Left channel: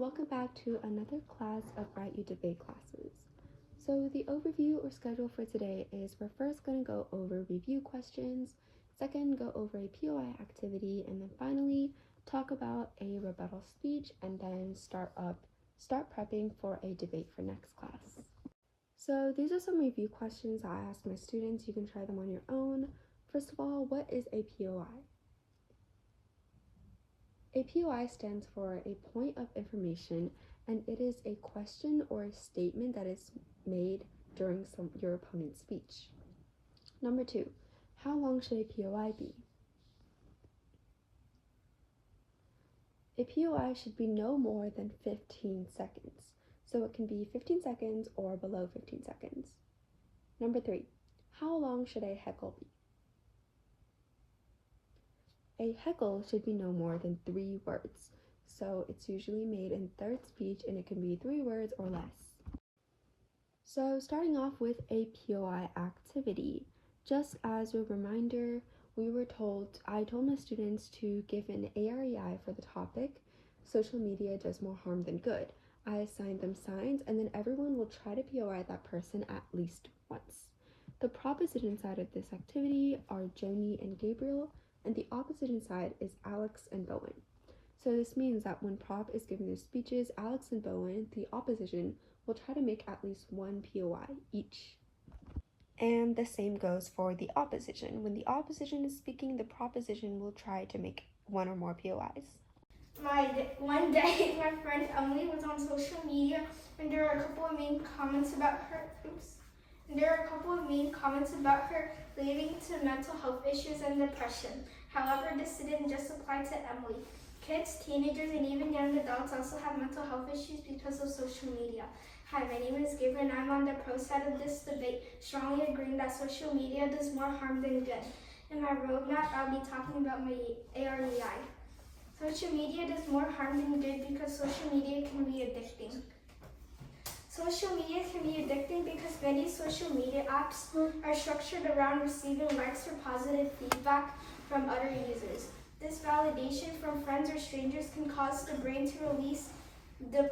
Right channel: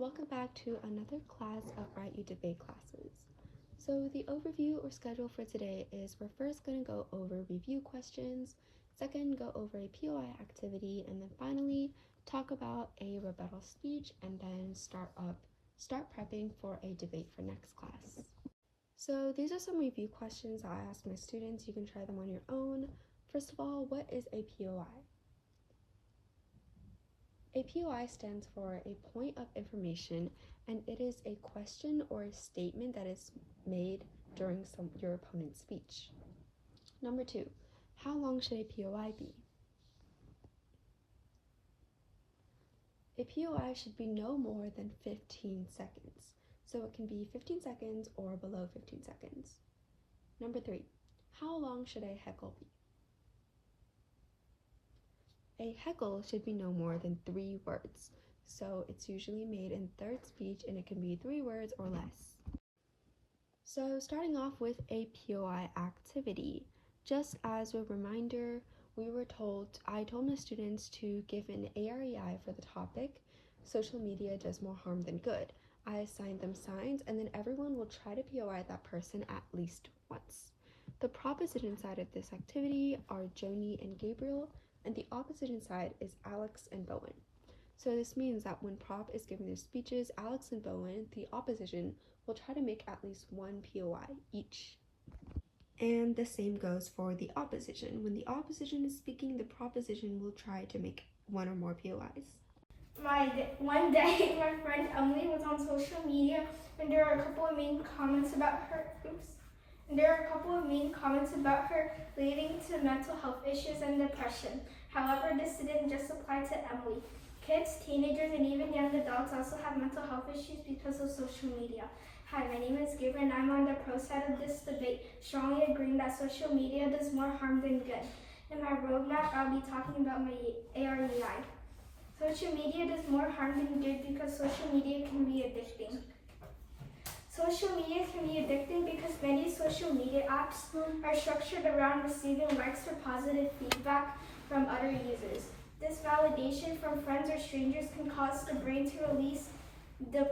welcome back to another class of Write You Debate classes. So the overview or schedule for today is we're first going to go over review questions, second go over a POI activity, and then finally talk about a rebuttal speech, and then start prepping for a debate for next class. So these are some review questions I asked my students. You can try them on your own. First of all, what is a POI? A POI stands for a point of information, and it is a question or a statement that is made during your opponent's speech. Number 2, how long should a POI be? A POI should be no more than 15 seconds. So it can be 15 seconds or below 15 seconds. Number 3, how long should a heckle be? A heckle should be no more than 3 words, so it's usually made in third speech and it can be 3 words or less. So starting off with a POI activity, just as a reminder, I told my students to give an AREI for the topic, social media does more harm than good. I assigned them signs, and then everyone will try to POI that person at least once. The proposition side of this activity are Joni and Gabriel, and the opposition side is Alex and Bowen. So this means that when prop is giving their speeches, Alex and Bowen, the opposition, will try to make at least 1 POI each. And the same goes for the opposition. When the opposition is speaking, the proposition will try to make 1 or more POIs. One day, my friend Emily was on social media, and there were a couple of mean comments about her. Leading to mental health issues and depression. However, this didn't just apply to Emily. Kids, teenagers, and even young adults also have mental health issues because of social media. Hi, my name is Gabriel, and I'm on the pro side of this debate, strongly agreeing that social media does more harm than good. In my roadmap, I'll be talking about my AREI. Social media does more harm than good because social media can be addicting. Social media can be addicting because many social media apps are structured around receiving likes or positive feedback from other users. This validation from friends or strangers can cause the brain to release the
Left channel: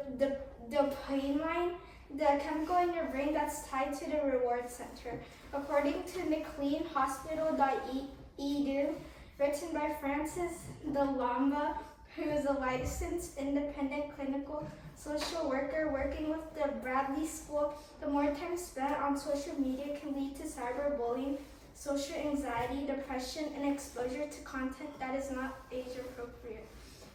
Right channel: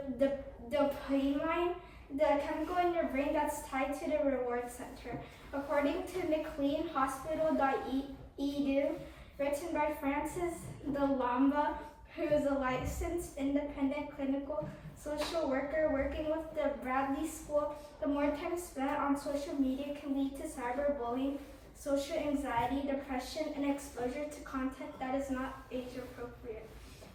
dopamine, the chemical in your brain that's tied to the reward center. According to McLeanHospital.edu, written by Francis Delamba, who is a licensed independent clinical social worker working with the Bradley School, the more time spent on social media can lead to cyberbullying, social anxiety, depression, and exposure to content that is not age appropriate.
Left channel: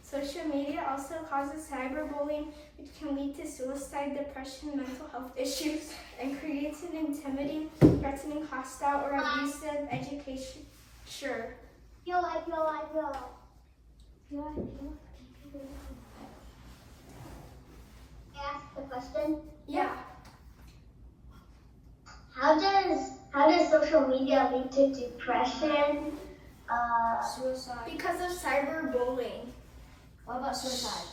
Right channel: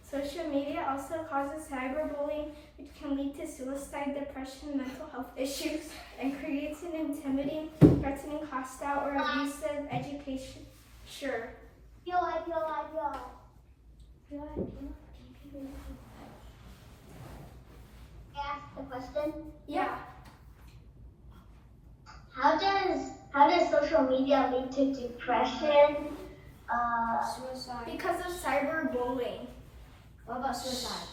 Social media also causes cyberbullying, which can lead to suicide, depression, mental health issues, and creates an intimidating, threatening, hostile, or abusive education. Sure. Ask the question? Yeah. How does social media lead to depression? Suicide. Because of cyberbullying. What about suicide?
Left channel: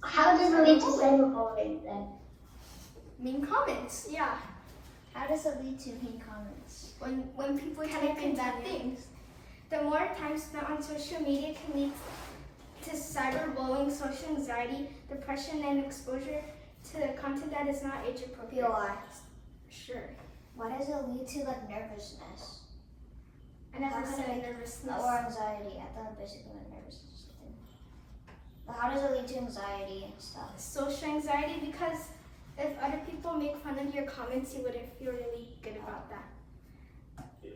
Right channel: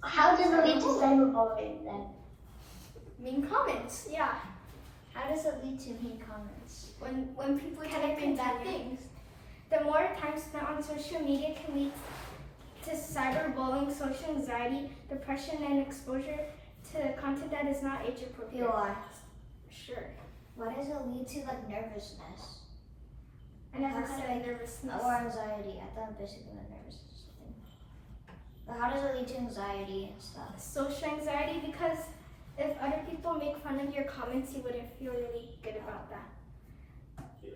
How does it lead to cyberbullying then? Mean comments, yeah. How does it lead to mean comments? When people type in bad things. The more time spent on social media can lead to cyberbullying, social anxiety, depression, and exposure to content that is not age appropriate. POI. Sure. Why does it lead to nervousness? I never said nervousness. Or anxiety. I thought basically nervousness. But how does it lead to anxiety and stuff? Social anxiety, because if other people make fun of your comments, you wouldn't feel really good about that.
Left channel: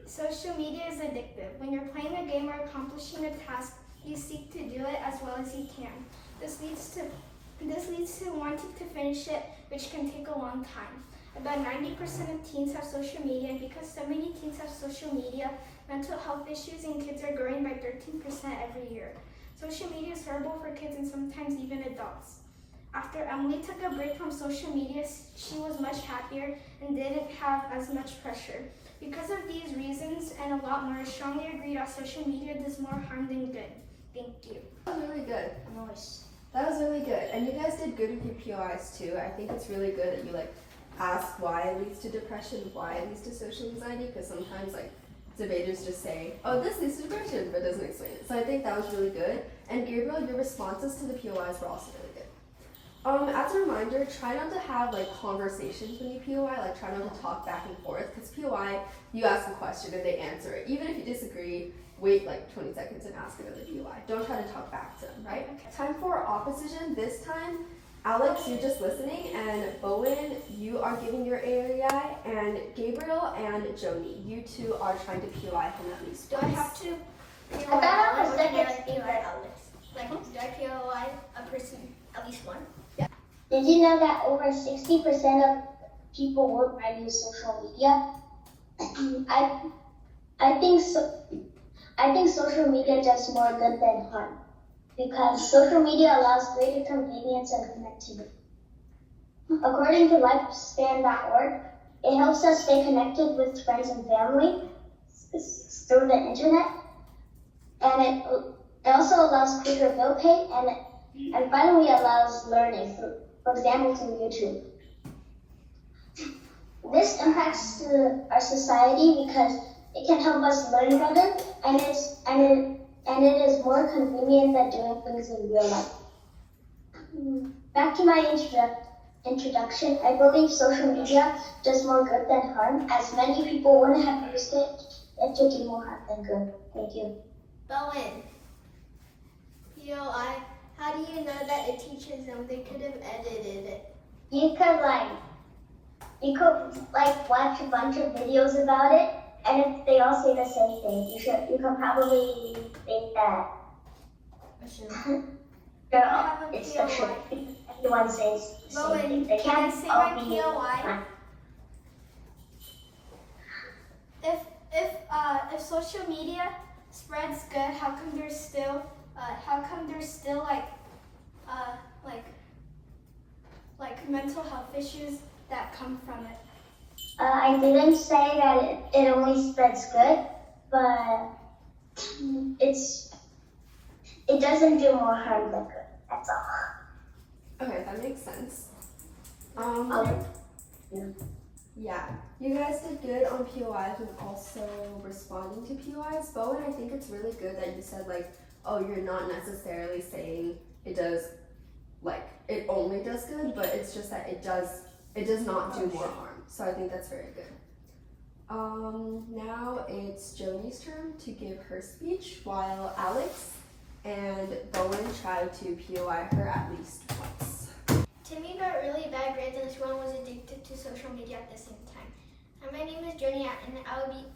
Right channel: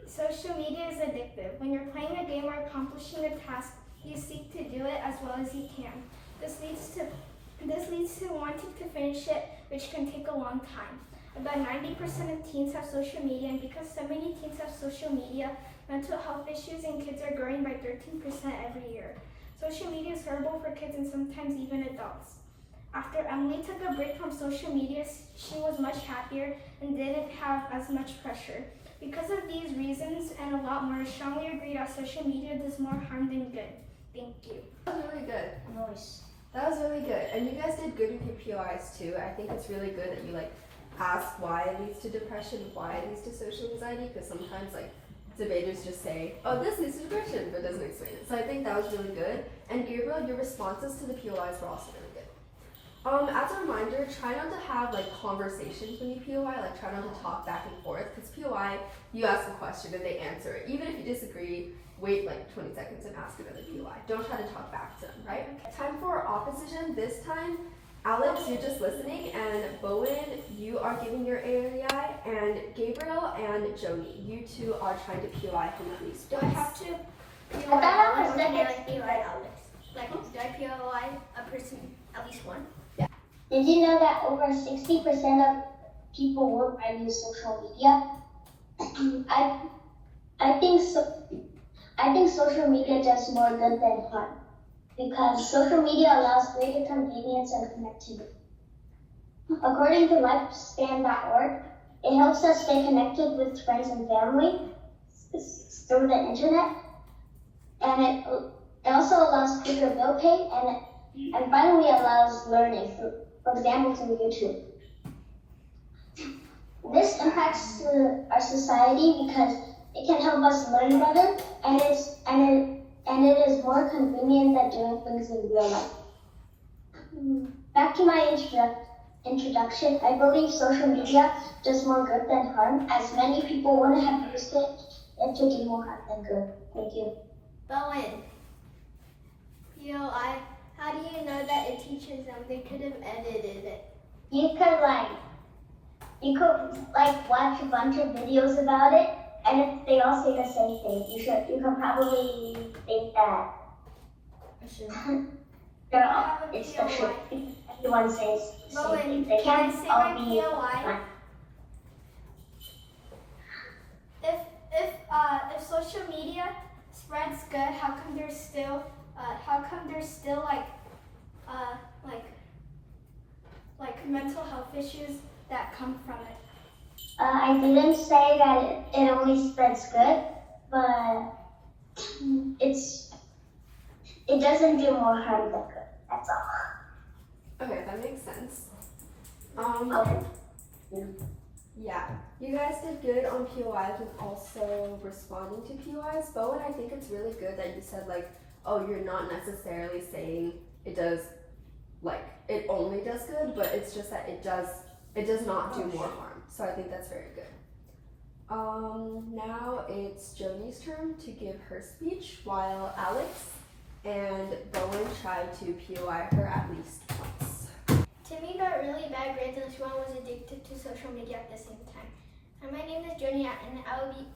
Social media is addictive. When you're playing a game or accomplishing a task, you seek to do it as well as you can. This leads to wanting to finish it, which can take a long time. About 90% of teens have social media, and because so many teens have social media, mental health issues in kids are growing by 13% every year. Social media is horrible for kids and sometimes even adults. After Emily took a break from social media, she was much happier and didn't have as much pressure. Because of these reasons and a lot more, I strongly agree that social media does more harm than good. Thank you. That was really good. Noise. That was really good. And you guys did good with your POIs too. I think it's really good that you ask why it leads to depression, why it leads to social anxiety, because sometimes debaters just say, oh, this leads to depression, but doesn't explain it. So I think that was really good. And Gabriel, your responses to the POIs were also really good. As a reminder, try not to have like conversations when you POI, like try not to talk back and forth, because POI, you ask a question and they answer it. Even if you disagree, wait like 20 seconds and ask another POI. Don't try to talk back to them, right? Okay. Time for opposition. This time, Alex, you're just listening, and Bowen, you are giving your AREI, and Gabriel and Joni, you two are trying to POI him at least Do I once. have to I thought I was POI second. Alex? Like, do I POI a person at least one? Did you know that over 60% of people worldwide use social media? I think social media does more good than harm, because social media allows greater convenience and connectivity. According to lifespan.org, it helps us stay connected with friends and family through the internet, and it also allows quicker bill pay, and finally allows learning, for example, through YouTube. This impacts our society because it can help us learn better, and it is more convenient than doing things in real life. Back to my introduction, I believe social media does more good than harm, as many people wouldn't have used it if to do more harm than good. Thank you. Bowen. POI. How do you know that it teaches them? They could have edited it. You could watch a bunch of videos about it, and if they all say the same thing, you can probably think that it's the truth. Everyone says the same thing. They Can I can't say all my be POI? If social media spreads good, how come there's still like mental health issues that come from it? I didn't say that it only spreads good, but it doesn't do more harm than good. That's all. Okay, that makes sense. Okay. Yeah, you guys did good on POIs and also responding to POIs. Bowen, I think it's really good that you said like, oh, you're not necessarily saying it does, like, it only does good, but it's just that it does not do more harm. So I think that's very good. Now it's Joni's turn to give her speech while Alex and Bowen try to POI her at least once. Timmy got really bad grades and Swan was addicted to social media at the same time. Hi, my name is Joni and I will be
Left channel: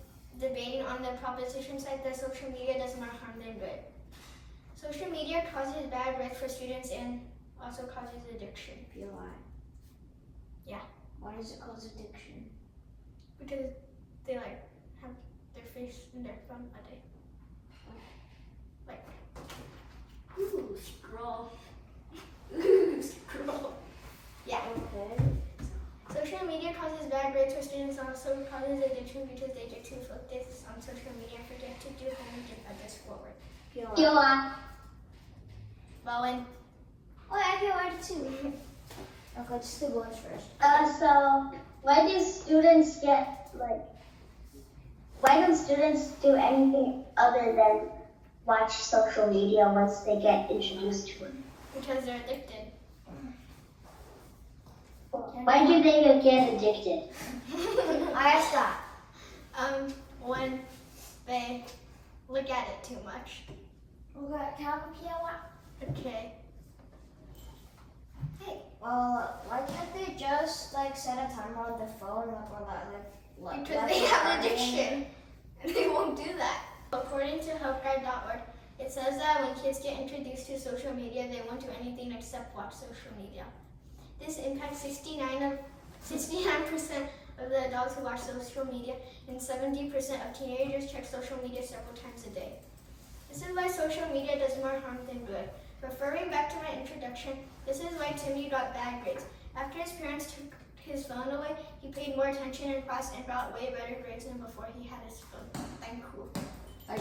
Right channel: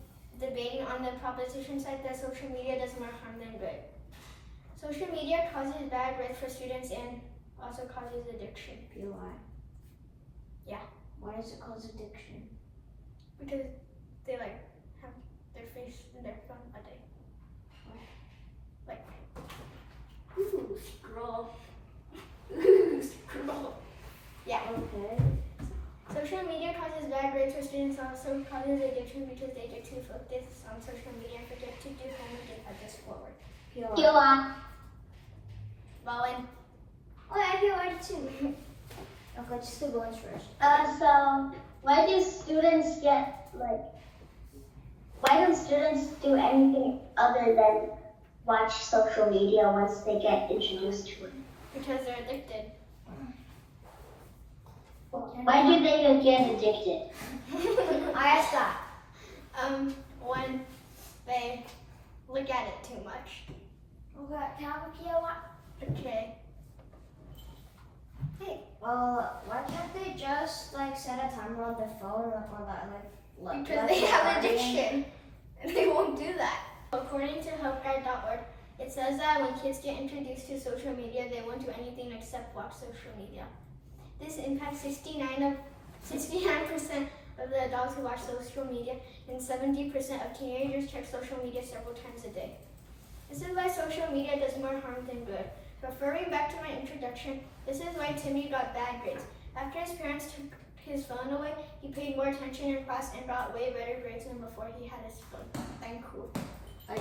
debating on the proposition side that social media does more harm than good. Social media causes bad grades for students and also causes addiction. POI. Yeah. Why does it cause addiction? Because they like have their face in their phone a day. Like, ooh, scroll. Scroll. Yeah. Okay. Social media causes bad grades for students, also causes addiction because they get too focused on social media and forget to do homework and others forward. POI. Bowen. Oh, I POI too. Okay, let's do Bowen's first. So why do students why don't students do anything other than watch social media once they get introduced to it? Because they're addicted. Why do they get addicted? I stop. When they look at it too much. Okay, can I have a POI? Okay. Hey, well, why can't they just like set a timer on the phone or like Because they have addiction. And they won't do that. According to helpguide.org, it says that when kids get introduced to social media, they won't do anything except watch social media. This impacts 69% of the adults who watch social media, and 70% of teenagers check social media several times a day. This is why social media does more harm than good. Referring back to my introduction, this is why Timmy got bad grades. After his parents took his phone away, he paid more attention in class and got way better grades than before he had his phone. Thank you. That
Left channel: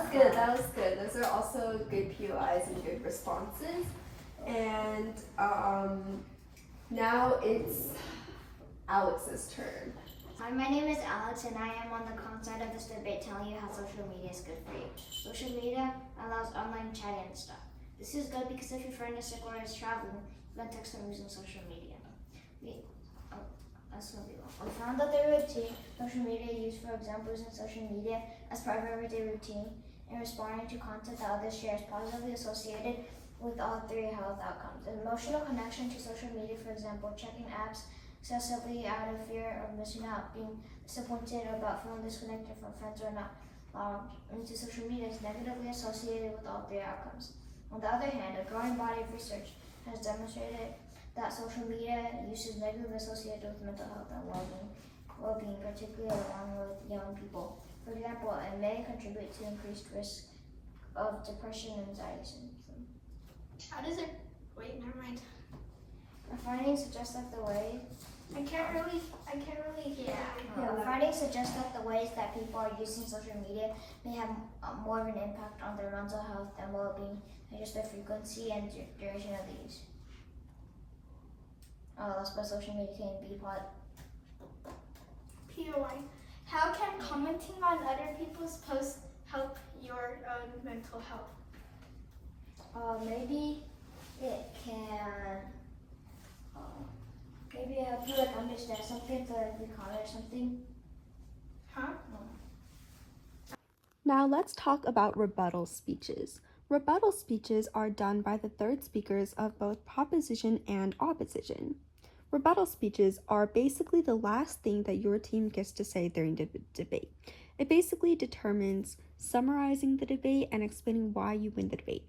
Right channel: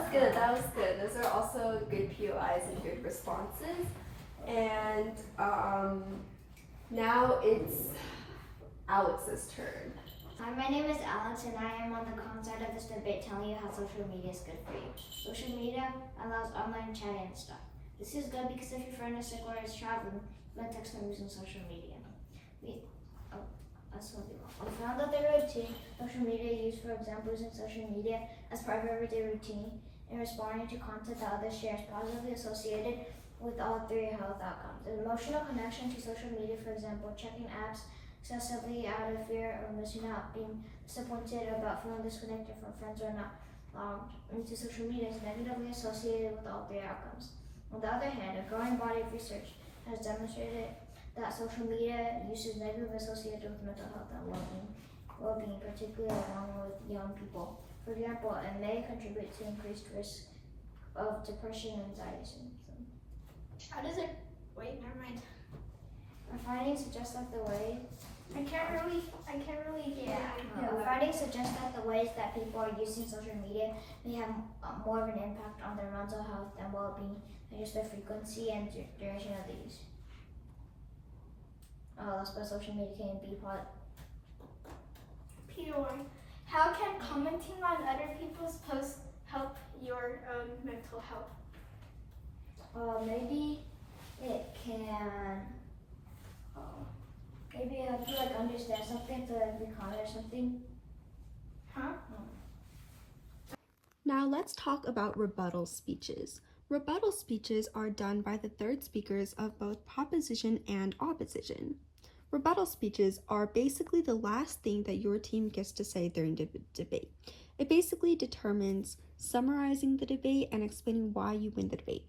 was good. That was good. Those are also good POIs and good responses. And now it's Alex's turn. Hi, my name is Alex, and I am on the con side of this debate telling you how social media is good for you. Social media allows online chatting and stuff. This is good because if your friend is sick or is traveling, you can text them using social media. That's gonna be long. We found that the routine social media use, for example, using social media as part of everyday routine and responding to content that others share is positively associated with all three health outcomes. An emotional connection to social media, for example, checking apps excessively out of fear of missing out, being disappointed about feeling disconnected from friends or not logged into social media is negatively associated with all three outcomes. On the other hand, a growing body of research has demonstrated that social media use is negatively associated with mental health and well-being, particularly along with young people. For example, it may contribute to increased risk of depression and anxiety symptoms. How does it? Wait, never mind. Our findings suggest that the way I can't really hear. Our findings suggest that the ways that people are using social media may have more of an impact on their mental health and well-being than just the frequency and duration of the use. That's why social media can be POI. How can commenting on other people's posts help your own mental health? Maybe it can maybe help you like understand something to like recall or something. Now let's talk about rebuttal speeches. Rebuttal speeches are done by the third speakers of both proposition and opposition. Rebuttal speeches are basically the last thing that your team gets to say during the debate. It basically determines summarizing the debate and explaining why you win the debate.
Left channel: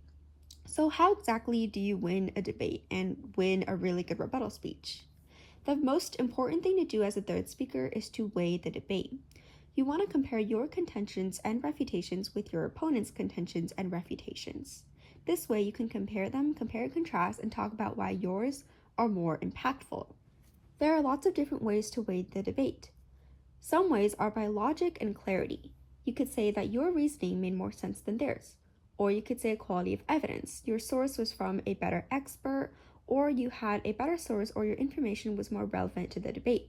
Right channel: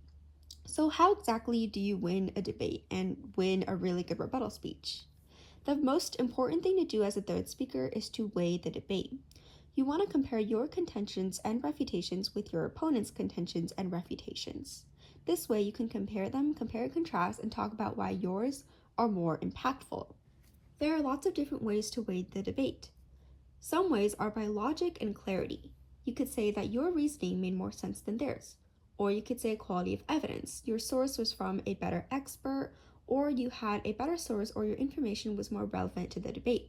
So how exactly do you win a debate and win a really good rebuttal speech? The most important thing to do as a third speaker is to weigh the debate. You want to compare your contentions and refutations with your opponent's contentions and refutations. This way you can compare them, compare and contrast, and talk about why yours are more impactful. There are lots of different ways to weigh the debate. Some ways are by logic and clarity. You could say that your reasoning made more sense than theirs. Or you could say quality of evidence. Your source was from a better expert, or you had a better source, or your information was more relevant to the debate.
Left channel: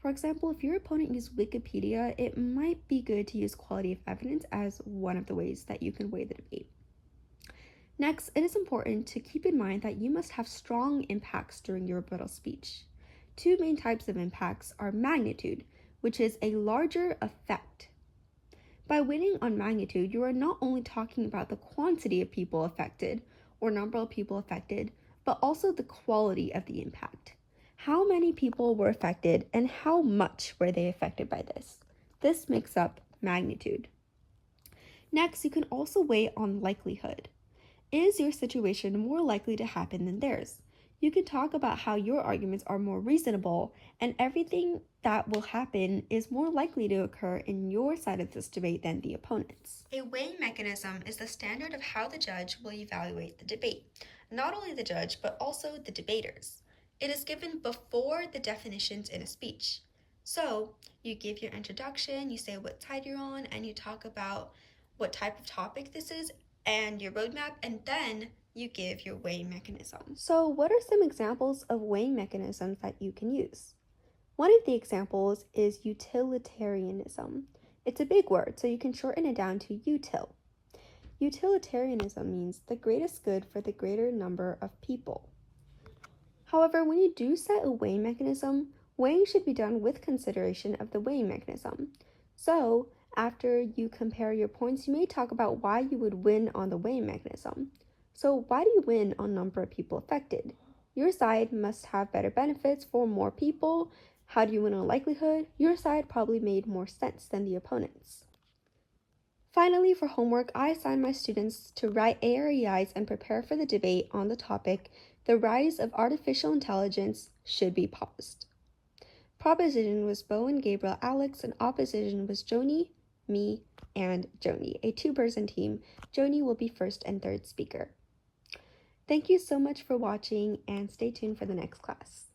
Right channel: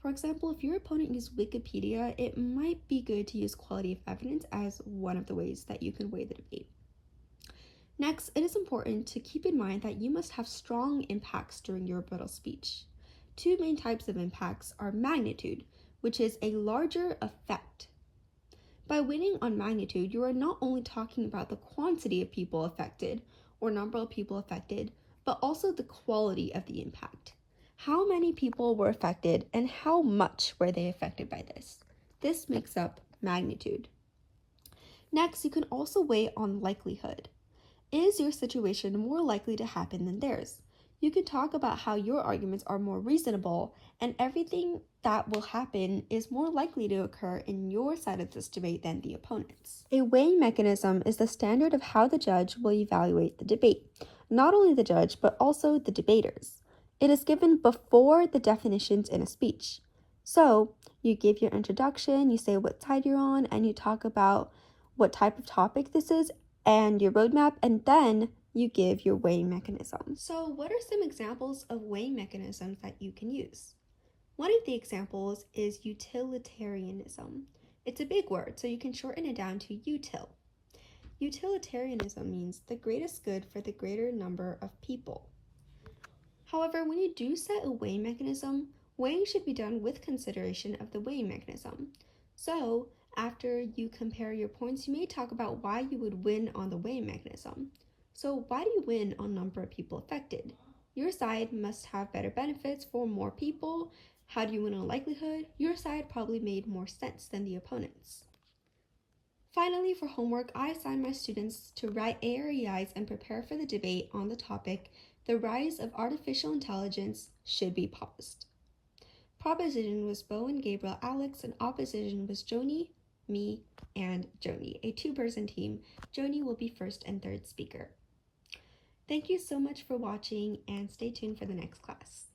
For example, if your opponent used Wikipedia, it might be good to use quality of evidence as one of the ways that you can weigh the debate. Next, it is important to keep in mind that you must have strong impacts during your rebuttal speech. Two main types of impacts are magnitude, which is a larger effect. By winning on magnitude, you are not only talking about the quantity of people affected or number of people affected, but also the quality of the impact. How many people were affected and how much were they affected by this? This makes up magnitude. Next, you can also weigh on likelihood. Is your situation more likely to happen than theirs? You can talk about how your arguments are more reasonable and everything that will happen is more likely to occur in your side of this debate than the opponent's. A weighing mechanism is the standard of how the judge will evaluate the debate. Not only the judge, but also the debaters. It is given before the definitions in a speech. So, you give your introduction, you say what side you're on, and you talk about what type of topic this is and your roadmap, and then you give your weighing mechanism. So what are some examples of weighing mechanisms that you can use? One of the examples is utilitarianism. It's a big word, so you can shorten it down to util. Utilitarianism means the greatest good for the greater number of people. However, when you do set a weighing mechanism, weighing should be done with consideration of the weighing mechanism. So, after you compare your points, you may talk about why you would win on the weighing mechanism. So, why do you win on number of people affected? Your side must have better benefits for more people. How do you win on likelihood? Your side probably made more sense than the opponent's. Finally, for homework, I assigned my students to write AREIs and prepare for the debate on the topic, "The rise of artificial intelligence should be paused." Proposition was Bo and Gabriel Alex, and opposition was Joni, me, and Joni, a two-person team. Joni will be first and third speaker. Thank you so much for watching, and stay tuned for the next class.